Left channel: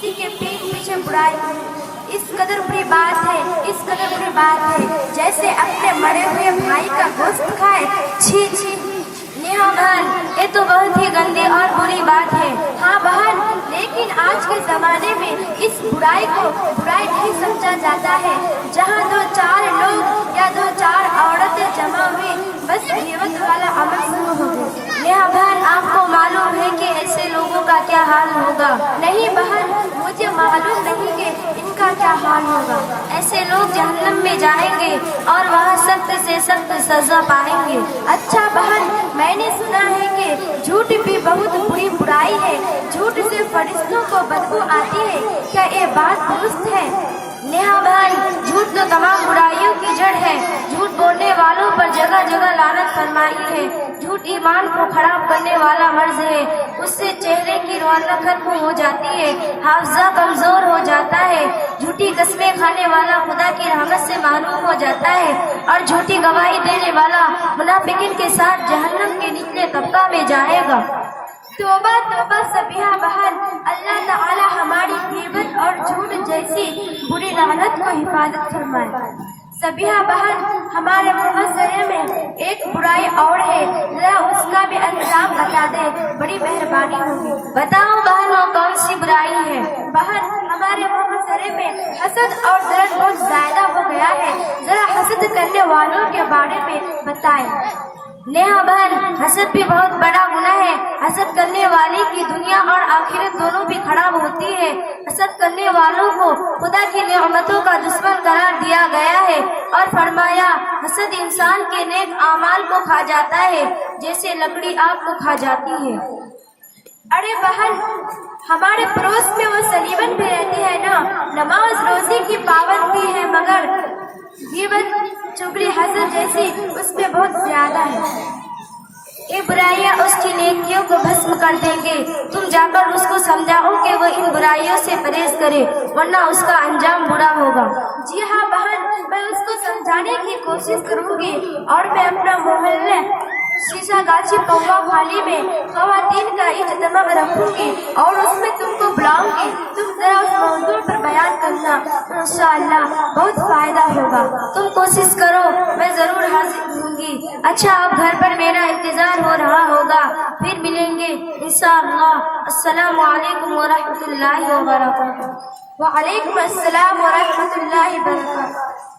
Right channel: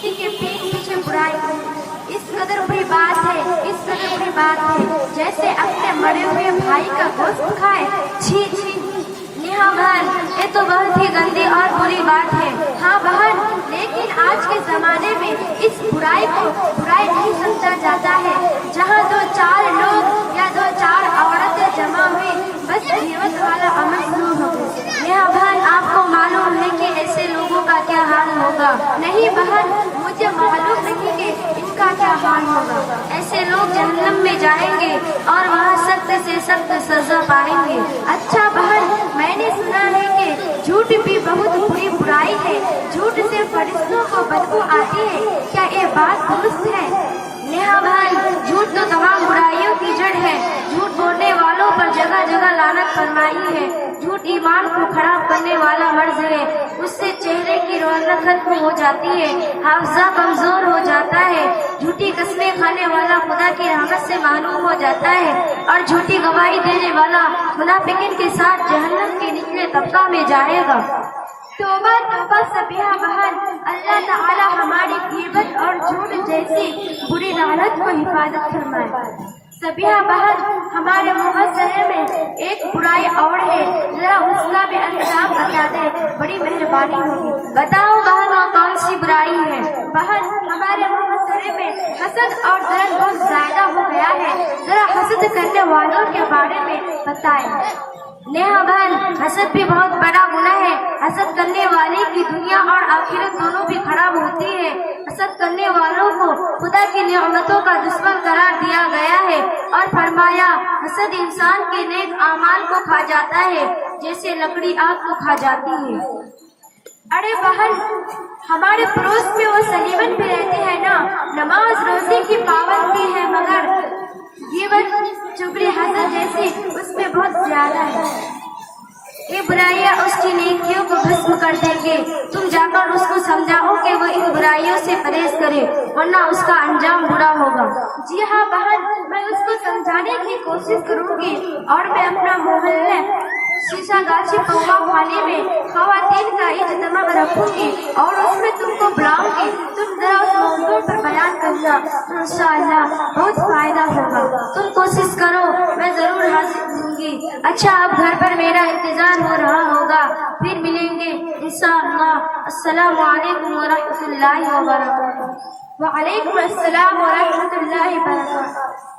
किसी के पीठ पीछे बुराई, इस कदर बुरी बात है, इस कदर बुरी बात है, जैसे अपने मरे हुए भाई का गोश्त खाए। छी छी। नेहा बहन, ये तो बहुत ही गंदी और बुरी बात है। हाँ बहन, लेकिन आज के जमाने में इस बुराई को बुराई नहीं समझा जाता है। जहाँ दो चार लोग या दो चार औरतें जमा हुई, बस गिरवत वाला अमल शुरू हो गया। नेहा बहन, आपको मालूम है कि ऐसे लोगों का क्या हाल होगा? नहीं बहन, मुझे मालूम नहीं कि इनका क्या हाल होगा। ऐसे लोग जहन्नम में जाएंगे और वहाँ सख्त से सख्त सजा पाएंगे। अच्छा बहन, मैंने सुना है कि झूठ भी बहुत बुरी बुराई है, झूठ से फरिश्तों को बदबू आती है, क्या ये बात दुरुस्त है? नेहा बहन, झूठ तो तमाम बुराइयों की जड़ है। झूठ बोलने वालों पर जगह जगह लानत फरमाई है। झूठ ईमान को खराब करने वाला मर्ज है, उससे चेहरे की रौनक खत्म हो जाती है, हाफजा कमजोर हो जाता है। झूठी कस्में खाने वाला खुदा की रहमत से महरूम हो जाता है और झूठी गवाही देने वाला मुनाफिकीन के साथ जहन्नम के निचले तबका में जाएगा। तौबा तौबा सबिहा बहन, अल्लाह ताला हमारी ग़ीबत और झूठ जैसी बुरी लानत को हिफाजत फरमाए। सबिहा बहन, हमारे मुहस्सरे में एक बुराई और है, जरा उसका भी अंजाम बता दे, बड़ी मेहरबानी होगी। बताओ बहन, वो कौन सी बुराई है? बहन, हमारे मुहस्सरे में हसद और दर्द बहुत ज्यादा हो गया है, जरा हसद करने वालों के बारे में बताएं। नेहा बहन, हसद भी बहुत बड़ा गुनाह है। हसद करने वाले की दुनिया और आखिरत दोनों भी खराब होती है। हसद करने वालों को खुदा की नेमतों का दुश्मन करार दिया गया है और फरमाया, हसद इंसान के नेक आमाल को खा जाता है जैसे लकड़ी आग को खा जाती है। अरे बहन, हमारे पड़ोस में वो सलीमन भी रहते हैं ना, नमाज रोजे की पाबंदी है, मगर ग़ीबत चुगली हसद जैसी उसमें बहुत ज्यादा है। ये बुराइयां उसकी नेकियों को भस्म कर देंगे। तुम जाकर उसको समझाओ कि वो इन बुराइयों से परहेज करे, वरना उसका अंजाम बुरा होगा। जी हाँ बहन, मैं उसको समझाने की कोशिश करूंगी और मैं अपना मोहल्ले शीशा गाछी पौवा खाली में खवातीन का इज्तिमा रखूंगी और उसमें तुमको बुलाऊंगी। तुम जरा उस मौजू पर बयान करना, इंशाअल्लाह बहुत फायदा होगा। तुम कोशिश करो, मैं जरूर हाजिर होंगी। अच्छा, आप घर पर मेरा इंतजार हो रहा होगा, फिर मिलेंगे इंशाअल्लाह। अस्सलामु अलैकुम व रहमतुल्लाहि व बरकातहू। व अलैकुम अस्सलाम व रहमतुल्लाहि व बरकातहू।